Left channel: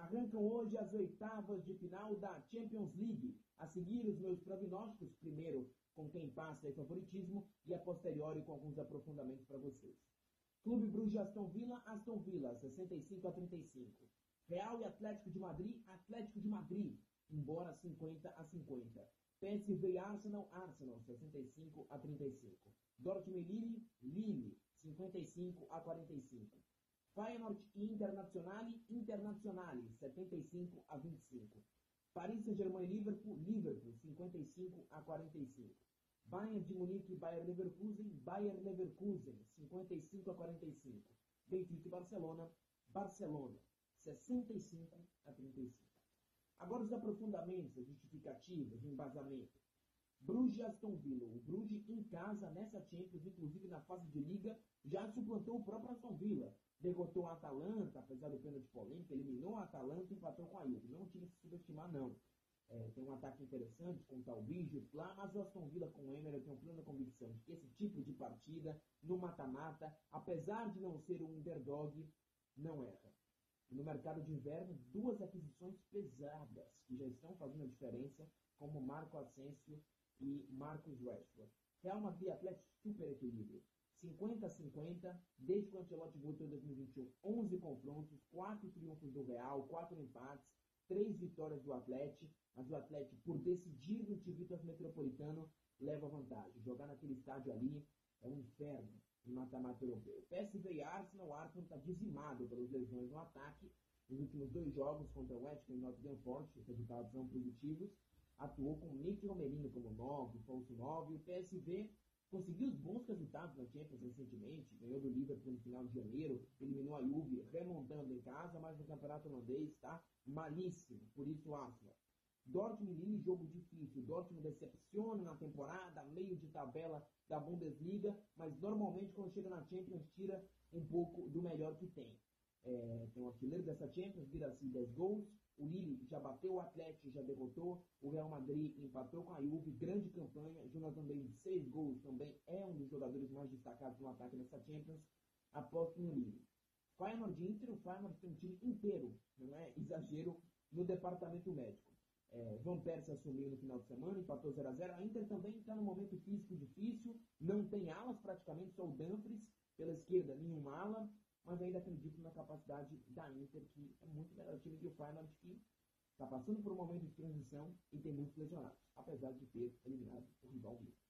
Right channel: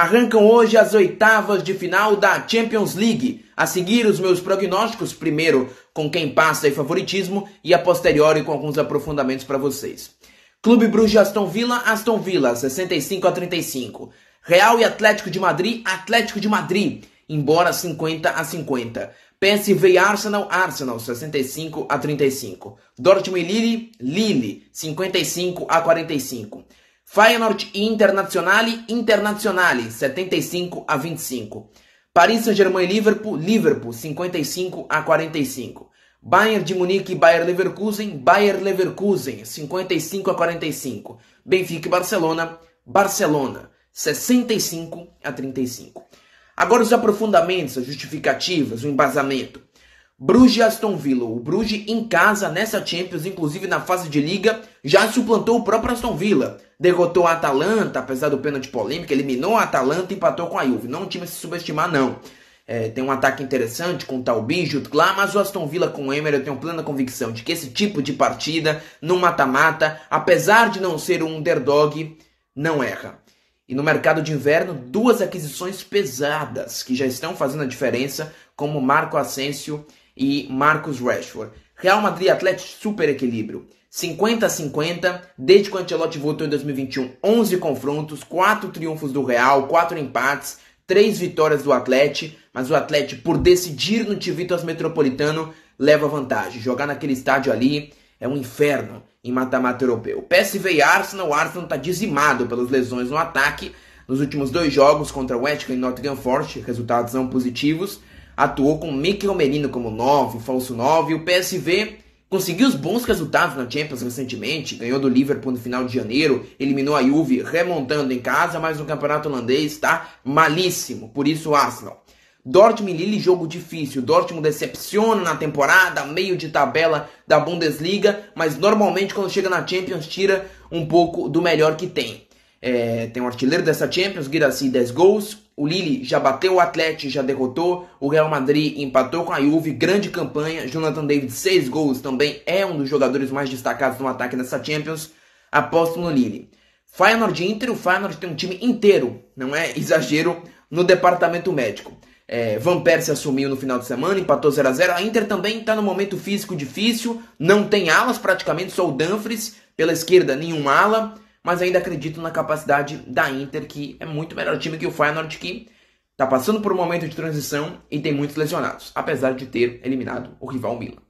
Arrancam hoje as oitavas de final da Champions League. A seguir, os meus prognósticos, primeiro com quem passa e favoritismo e a posteriori com alguns aprofundamentos para vocês. Clube Bruges Aston Villa 65-35. Real e Atlético de Madrid, embora 50-50. PSV e Arsenal 65-35. Dortmund e Lille 55-45. Feyenoord e Internazionale 75-25. Paris Saint-Germain e Liverpool 55-45. Bayern de Munique e Bayer Leverkusen 55-45. Benfica e Barcelona 65-35. Agora os aprofundamentos, as justificativas, o embasamento. Bruges e Aston Villa. O Bruges em casa nessa Champions, inclusive na fase de Liga, já suplantou o próprio Aston Villa. Derrotou a Atalanta, apesar do pênalti polêmico, eliminou a Atalanta e empatou com a Juve. Não é um time a se subestimar, não. Tem um ataque interessante com o Talbi, Jutgla, mas o Aston Villa com o Emery, eu tenho plena convicção de que esse tipo de partida, no mata-mata, apesar de não ser um underdog, não erra. E no mercado de inverno, duas aquisições pesadas que já estão fazendo a diferença, como Marco Asensio e Marcus Rashford. Real Madrid e Atlético, super equilíbrio. 50-50, desde que o Ancelotti voltou em 2021, 11 confrontos, 4 triunfos do Real, 4 empates, 3 vitórias do Atlético, mas o Atlético, por decidir no Civitas Metropolitano, leva vantagem. Jogar naquele estádio ali é um inferno em mata-mata europeu. PSV e Arsenal, o Arsenal está dizimado pelas lesões no ataque. Nos últimos 2 jogos contra o West Ham e Nottingham Forest, resultados não positivos. Atuou com Mikel Merino como 9, falso 9. O PSV conseguiu os bons resultados na Champions recentemente. Ganhou do Liverpool no final de janeiro. Eliminou a Juve remontando em casa, mas no campeonato holandês está malíssimo. Por isso o Arsenal. Dortmund e Lille, jogo difícil. Dortmund decepciona na temporada, meio de tabela da Bundesliga, mas normalmente quando chega na Champions tira um pouco do melhor que tem. Tem um artilheiro dessa Champions, Guirassy, 10 gols. O Lille já bateu o Atlético, já derrotou. O Real Madrid empatou com a Juve, grande campanha. Jonathan David, 6 gols, também é um dos jogadores mais destacados no ataque dessa Champions. Aposto no Lille. Feyenoord e Inter, o Feyenoord tem um time inteiro, não é exagero, no departamento médico. Van Persie assumiu no final de semana, empatou 0-0. A Inter também está no momento físico difícil, não tem alas praticamente, só o Dumfries. Pela esquerda, nenhum ala, mas ainda acredito na capacidade da Inter, que é muito melhor time que o Feyenoord, que está passando por um momento de transição e tem muitos lesionados, apesar de ter eliminado o rival Milan.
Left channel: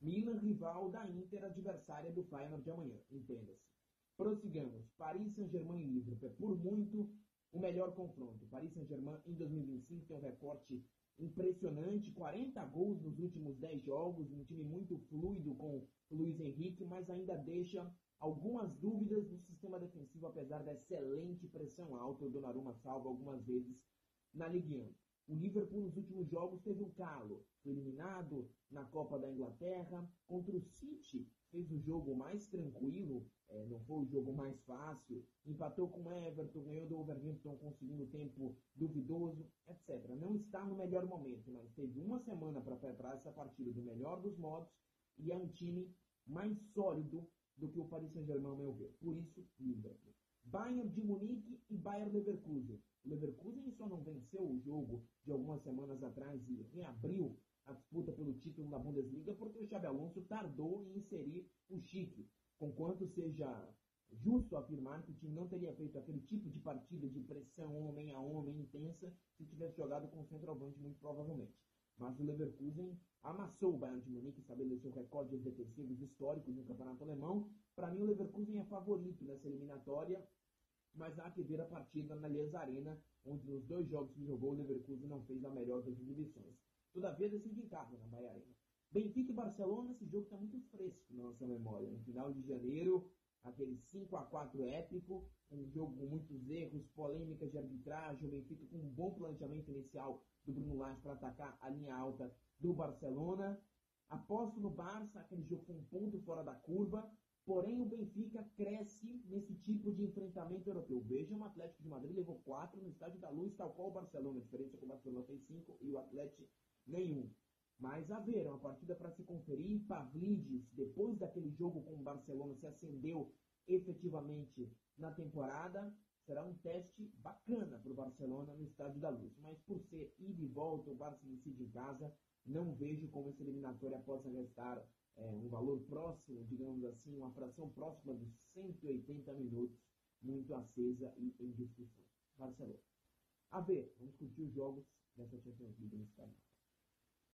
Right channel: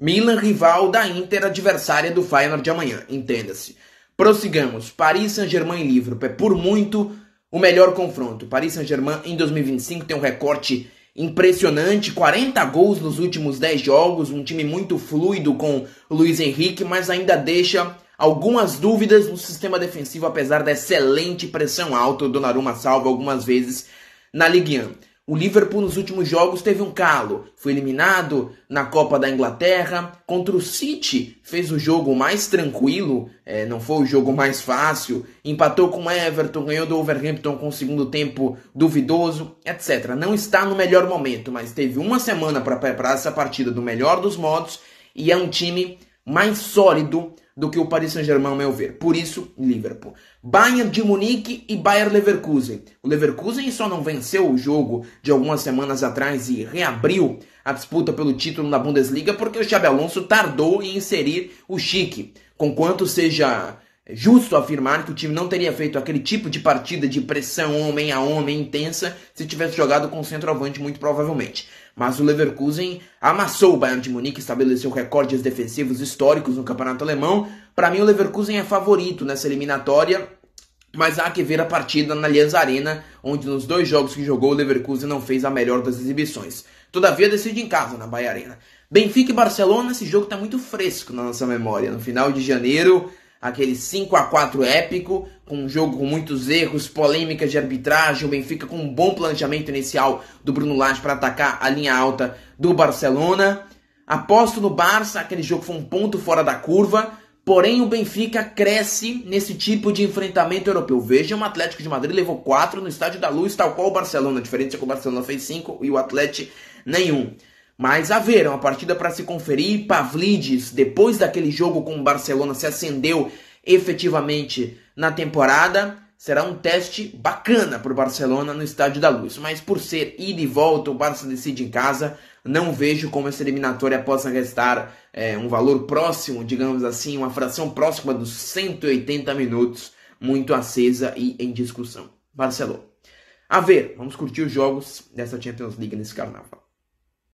Milan, rival da Inter, adversária do Feyenoord de amanhã, entenda-se. Prossigamos, Paris Saint-Germain e Liverpool, é por muito o melhor confronto. Paris Saint-Germain em 2025 tem um recorte impressionante, 40 gols nos últimos 10 jogos, um time muito fluido com o Luiz Henrique, mas ainda deixa algumas dúvidas no sistema defensivo, apesar da excelente pressão alta. O Donnarumma salva algumas vezes na Ligue 1. O Liverpool nos últimos jogos teve um calo, foi eliminado na Copa da Inglaterra. Contra o City fez o jogo mais tranquilo, não foi o jogo mais fácil. Empatou com o Everton, ganhou do Wolverhampton com o segundo tempo duvidoso, etc. Não está no melhor momento, mas teve uma semana para preparar essa partida do melhor dos modos e é um time mais sólido do que o Paris Saint-Germain, ao meu ver. Por isso, Liverpool. Bayern de Munique e Bayer Leverkusen. O Leverkusen só não venceu o jogo de algumas semanas atrás e reabriu a disputa pelo título na Bundesliga porque o Xabi Alonso tardou em inserir o Schick. Conquanto seja justo afirmar que o time não teria feito aquele tipo de partida de pressão homem a homem intensa se tivesse jogado com centroavante, muito provavelmente. Mas o Leverkusen amassou o Bayern de Munique, estabeleceu recordes defensivos históricos no campeonato alemão. Para mim o Leverkusen é favorito nessa eliminatória, mas há que ver a partida na Allianz Arena, onde nos 2 jogos que jogou o Leverkusen não fez a melhor das exibições. Todavia decide em casa, na Bahia Arena. Benfica e Barcelona, esse jogo está muito fresco na nossa memória. No final de janeiro, aquele 5-4 épico, com um jogo com muitos erros, polêmicas de arbitragem, o Benfica com um bom planejamento inicial do Bruno Lage para atacar a linha alta do Barcelona. Aposto no Barça, aquele jogo foi um ponto fora da curva, porém o Benfica cresce nesse tipo de enfrentamento europeu. Vejam, o Atlético de Madrid levou 4 no Estádio da Luz, tal qual o Barcelona. A diferença é que o Barcelona fez 5 e o Atlético nenhum. Mas a ver, é uma partida para se conferir. Pavlidis, depois daquele jogo com o Barcelona, se acendeu efetivamente na temporada. será um teste bacana para o Barcelona no Estádio da Luz. Mas por ser ida e volta, o Barça decide em casa, não vejo como essa eliminatória possa restar um valor próximo, digamos assim, uma fração próxima dos 180 minutos, muito acesa e em discussão. Barcelona. A ver, vamos curtir os jogos dessa Champions League nesse carnaval.